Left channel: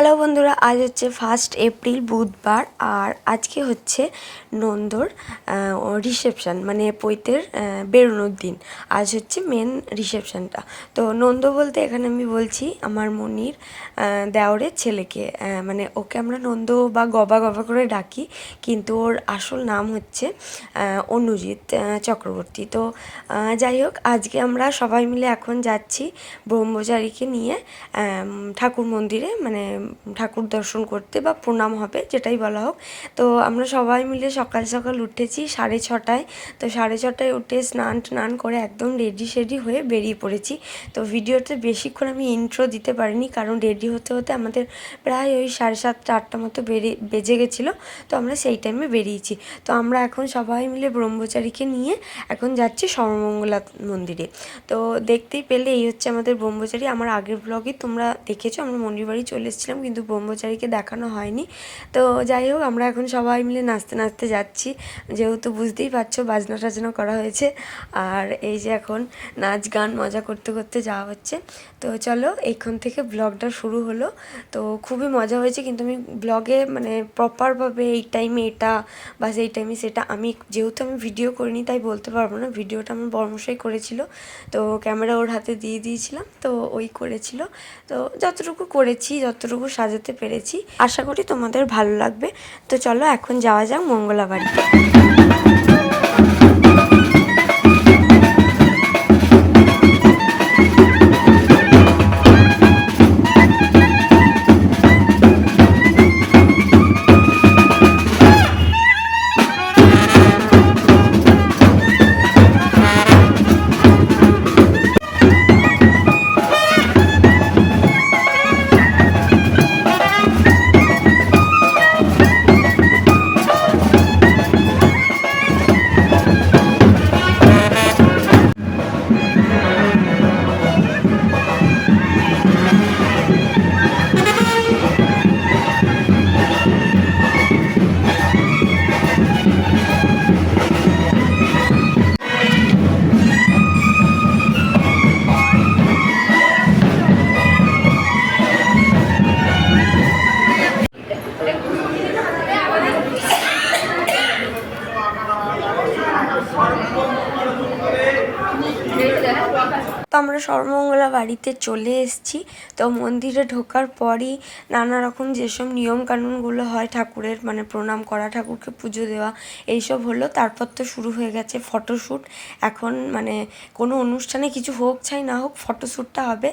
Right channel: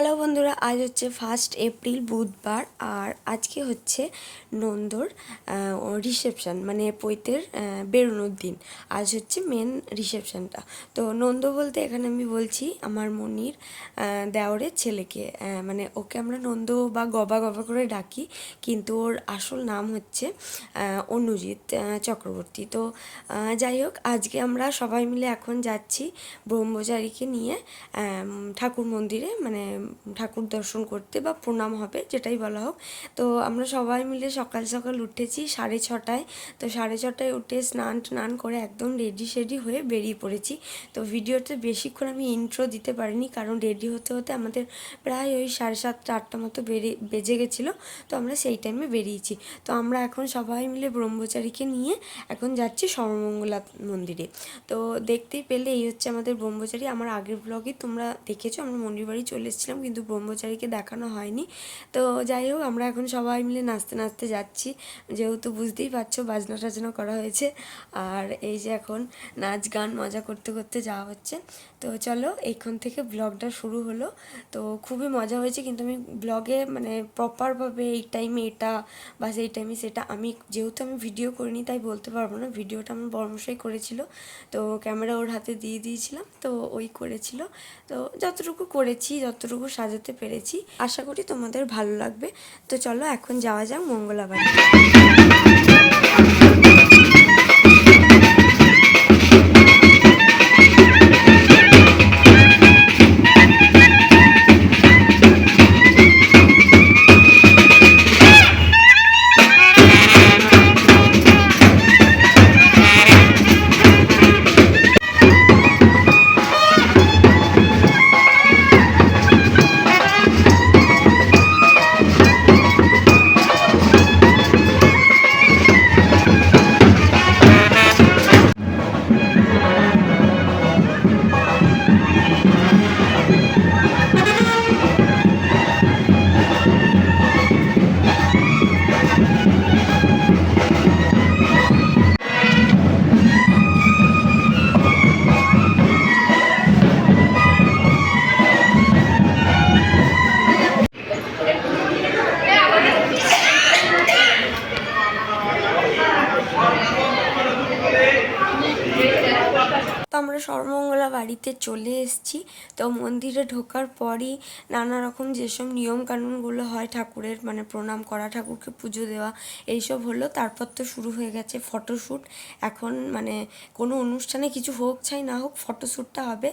Hello বন্ধুরা, আজ হচ্ছে 1 এপ্রিল বুধবার। আর আজকে হচ্ছে নন্দর রিসেপশান, মানে পৈতের বেরোনোর দিন। আজ হচ্ছে মেন রিসেপশানটা। তো নন্দ বলতে এখানে আমি বলছি আমার মনির দেওরের ছেলেকে, মানে ওকে আমরা নন্দ বা গবা গবা করে ডাকি, কিন্তু ওর আসল নাম হচ্ছে অনুজিৎ চক্রবর্তী। তো যাই হোক, আজকে আমরা সবাই মিলে এখন যাচ্ছি ব্রহ্মচারীকে নিয়ে ঠাকুর মন্দিরে, মানে ঠাকুর দর্শন করতে বা প্রণাম হবে, যেটাই বলা হোক। তো আমরা সবাই মিলে সকাল সকাল উঠেছি 6:30টায়। তো 6:30টায় উঠে স্নান করে একদম রেডি সেডি হয়ে বেরিয়ে পড়েছি। তো ভিডিওতে বেশিক্ষণ আমি ইন্ট্রো দিতে পারিনি, কারণ রেডি হতে হতে আমাদের প্রায় ওই 7:30 8টা মতো বেজে গেছিলো। তো আমরা সেই টাইমে বেরিয়েছি। তো আমরা এখন সবাই মিলে ব্রহ্মচারীকে নিয়ে এখন যাচ্ছি সর্বমঙ্গলা মন্দিরে। তো দেখতেই পেলে এই হচ্ছে আমাদের ব্রহ্মচারী। আমার আগের ব্লগে তোমরা দেখেছো আমরা মন্দির বাড়ি চলে এসেছিলাম, কিন্তু ব্রহ্মচারীকে দেখানো হয়নি। তো যাই হোক, আমরা এখন সবাই মিলে নাচতে নাচতে যাচ্ছি, যেহেতু বুঝতেই পারছো বাজনা টাজনা করা হয়েছে। আর এই যে এখন নাচ গান মজা করতে করতে যাওয়া হচ্ছে। তো চলো, এইখান থেকে ব্লগটা শুরু হলো। তো খুবই মজা হয়েছে, কিন্তু আমি ব্লগে মানে প্রপারভাবে এই টাইমে এটা বা সেই টাইমে সেটা যেহেতু আমি ভিডিও করিনি তাই বলতে পারবো না। ভিডিওটা আমার বর্মশাই করেছিল, তো ক্যামেরা ওর হাতে দিয়ে দিয়েছিলাম, তো ওই করেছিল। তো যতটুকু করেছি, যতটুকু সাজাতে পেরেছি, আশা করি তোমাদের ভালো লাগবে। তো চলো এখন যাওয়া যাক মঙ্গলাবাড়ি। তো আমরা সর্বমঙ্গলা বাড়িতে চলে এসেছি। তো মন্দিরে ঢোকার পরই নানা রকম যেসব নিয়মকানুনগুলো হয় ঠাকুরের, মানে প্রণাম করা, ঠাকুরকে পুজো দেওয়া, এইসব হলো। তারপর তো শুরু হয়ে গেছে ফটোশ্যুট। এখন মানে কোনো অনুষ্ঠানে কিছু হোক চাই না হোক, ফটোশ্যুটটা হবে,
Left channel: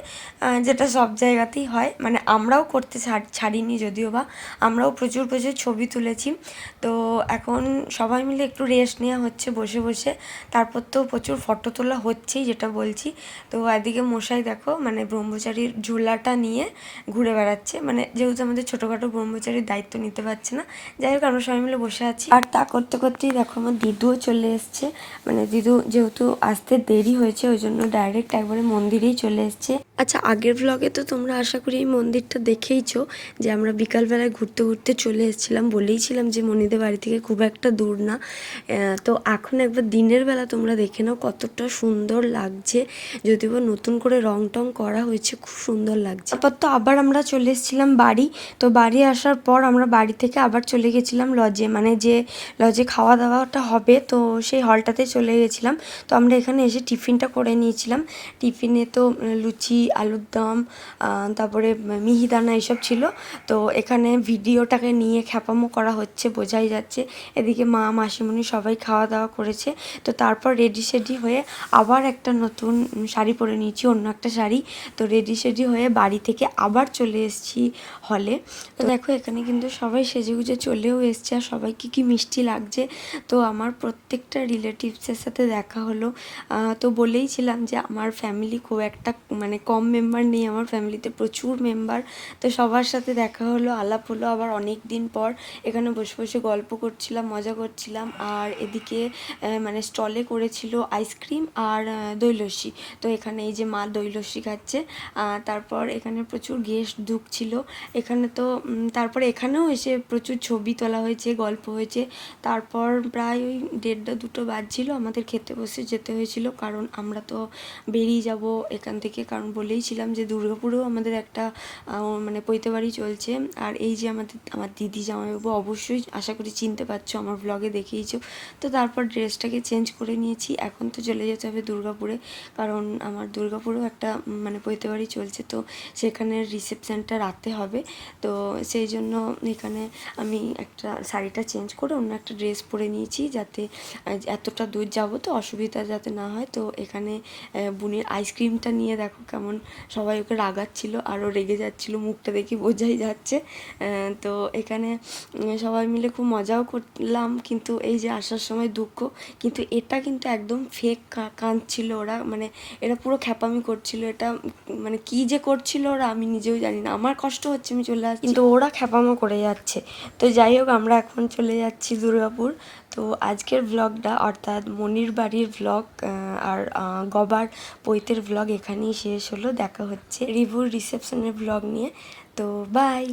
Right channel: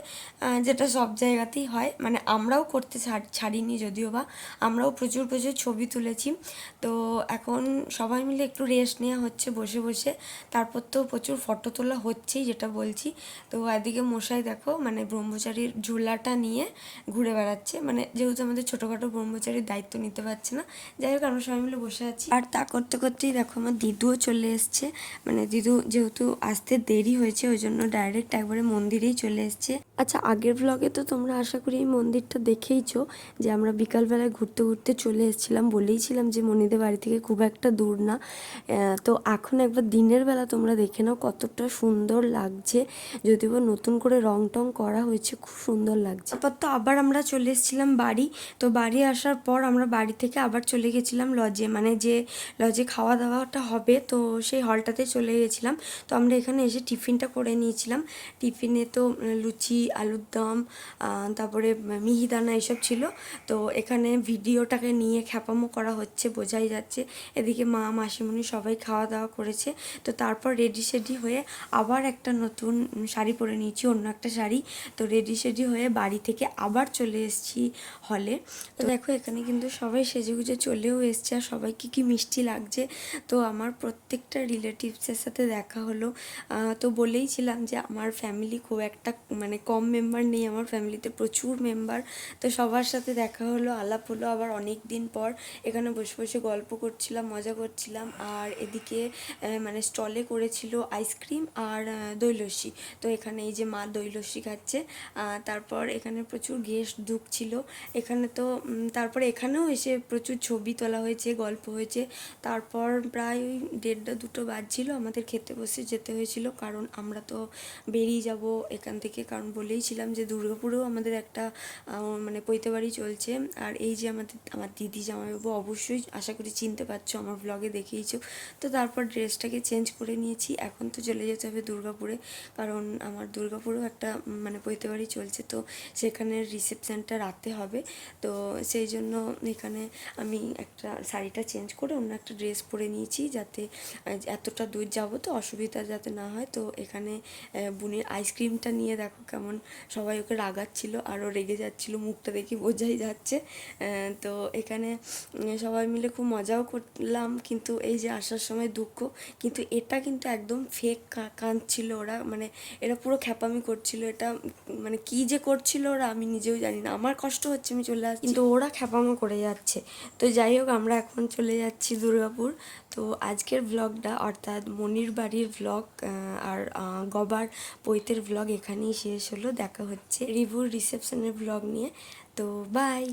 যেটা সব জায়গাতেই হয়। মানে আমরাও করতে ছাড়িনি যদিও বা, আমরাও প্রচুর প্রচুর ছবি তুলেছি। তো এখন সবাই মিলে একটু রেস্ট নেওয়া হচ্ছে বসে বসে। তারপর তো প্রচুর ফটো তোলা হচ্ছেই, যেটা বলছি। তো এদিকে মশাই দেখো মানে ব্রহ্মচারীর ঝোলাটা নিয়ে ঘুরে বেড়াচ্ছে, মানে যেহেতু আমাদের ছোটোখাটো ব্রহ্মচারীর দায়িত্ব নিতে পারছে না। যাই হোক, আমরা সবাই মিলে বসে আছি। আর তা করতে করতেই দেখো আমার দিদুও চলে এসছে। মানে দিদু যেহেতু আসতে দেরি হয়েছে, ওই জন্য ডাইরেক্ট একবারে মন্দিরেই চলে এসছে। আচ্ছা, আগের ব্লগে তো তোমরা আশা করি এই মন্দিরটা দেখেইছো, যে আমরা বিকালবেলায় ঘুরতে ঘুরতে চলে এসেছিলাম। বলেইছিলাম যে মনিদের বাড়ি থেকে খুব একটা দূর না। তো এখন একবার দিনের বেলা তোমরা দেখে নাও কতটা সুন্দর লাগছে, যদিও নতুন করে রং টং করা হয়েছে, খুব সুন্দর লাগছে। তারপর তো আবার আমরা চলে এসেছিলাম বাড়ি। তো বাড়ি আসার পর আমরা বাড়ি থেকে আবার চলে গেছিলাম লজে, মানে যে লজে খাওয়া দাওয়াটা হবে, তো সেই হলটাতে চলে গেছিলাম। তো আমরা এখানে এসে টিফিনটা করে নিয়েছিলাম। টিফিনে তো লুচি, আলুর দম, তারপরে মিহিদানা এইসব ছিল। তো এখানে ভিডিওটাকে নিয়ে খ্যাপামো করা হচ্ছে, বোঝাই যাচ্ছে। এদিকে মা মাসিমণি সবাই খাওয়া দাওয়া করেছে। তো তারপর রেডি সেডি হয়ে আবার একটা নতুন শাড়ি পরে নিয়েছি, অন্য একটা শাড়ি। তো রেডি সেডি হয়ে বাড়ি থেকে আবার চলে এসেছি হলে। তো দেখো এখানে কিন্তু সবাই সেজেগুজে চলেও এসছে, আর সবাইকে কি মিষ্টি লাগছে। তো আমার প্রত্যেকটা রিলেটিভসের সাথে দেখা হলো। তো বলেইছিলাম যে আমার ফ্যামিলি খুব একটা মানে কম মেম্বার নেই, আমার ফ্যামিলিতে প্রচুর মেম্বার। তো সবার সাথে দেখা হলো, আলাপ হলো আবার অনেক দিন পর। এখানে বসে বসে গল্প করছিলাম, মজা করছিলাম। আর এদিকে মানে স্টলে করেছিল আইসক্রিম আর দই লস্যি। তো এখানে এই যে মা দই লস্যি খাচ্ছে। তারপর এখানে প্রচুর গেস্ট ঢুকছিল এখানে, তো তারপরে এখানেও এসে প্রচুর ছবি তোলা হয়েছে, গল্প হয়েছে। তারপর প্রায় ওই 1:30-2টো বাজছিল, আমাদের খেতে বসে যেতে হয়েছিল, কারণ আমরা তো বেরিয়ে যাব এখান থেকে, কারণ বলেইছিলাম যে দুর্গাপুরেও আমাদের একটা মানে পৈতে বাড়ি চলছে। আর এই যে আমার দিদি জামাইবাবু, অবশ্যই আশা করি চিনতে পারছো, আমার ব্লগে দেখিয়েছো। তো তারপর ড্রেসটাকে চেঞ্জ করে নিয়েছি, এখন তো চলে যেতে হবে দুর্গাপুরে, কারণ আমার দুর্গাপুরেও একটা মানে পৈতে বাড়ি চলছে, তো সেখানে রিসেপশানটা রাতে হবে। তো সেই জন্য এখানে আমি একটা শাড়িটা চেঞ্জ করে অন্য একটা ড্রেস পরে নিয়েছি, যাতে এতটা দূর যাবো তো অসুবিধা যাতে না হয়। তো এখানে বুনির আইসক্রিমটা নিয়ে দেখো কেমন সবাই ওকে রাগাচ্ছিল, আরও রেগে যাচ্ছিলো, মুখটা দেখি বোঝাই যাচ্ছে। তো এখানে সবাই মিলে খুব মজাও করলাম, কিন্তু এই যে আসার সময় দুঃখ। কিন্তু এটা কিন্তু একদম ফেক কাঁদছিল ওরা, মানে এরা পুরো খ্যাপামি করছিল, এটা মানে কী যে করছিল ওরা আমি নিজেও জানি না। আমার কষ্ট হচ্ছে, আমি চলে আসছি, কিন্তু ওরা খ্যাপামো করে যাচ্ছে। তো যাই হোক, আমরা এখন চলে যাচ্ছি দুর্গাপুর। তো আজকের ব্লগটা, অর্থাৎ মনির বাড়ির ব্লগ আর গবার পৈতের ব্লগ এখানেই শেষ হলো। দেখা হচ্ছে রিভুর রিসেপশনের ব্লগ নিয়ে। তো বাই।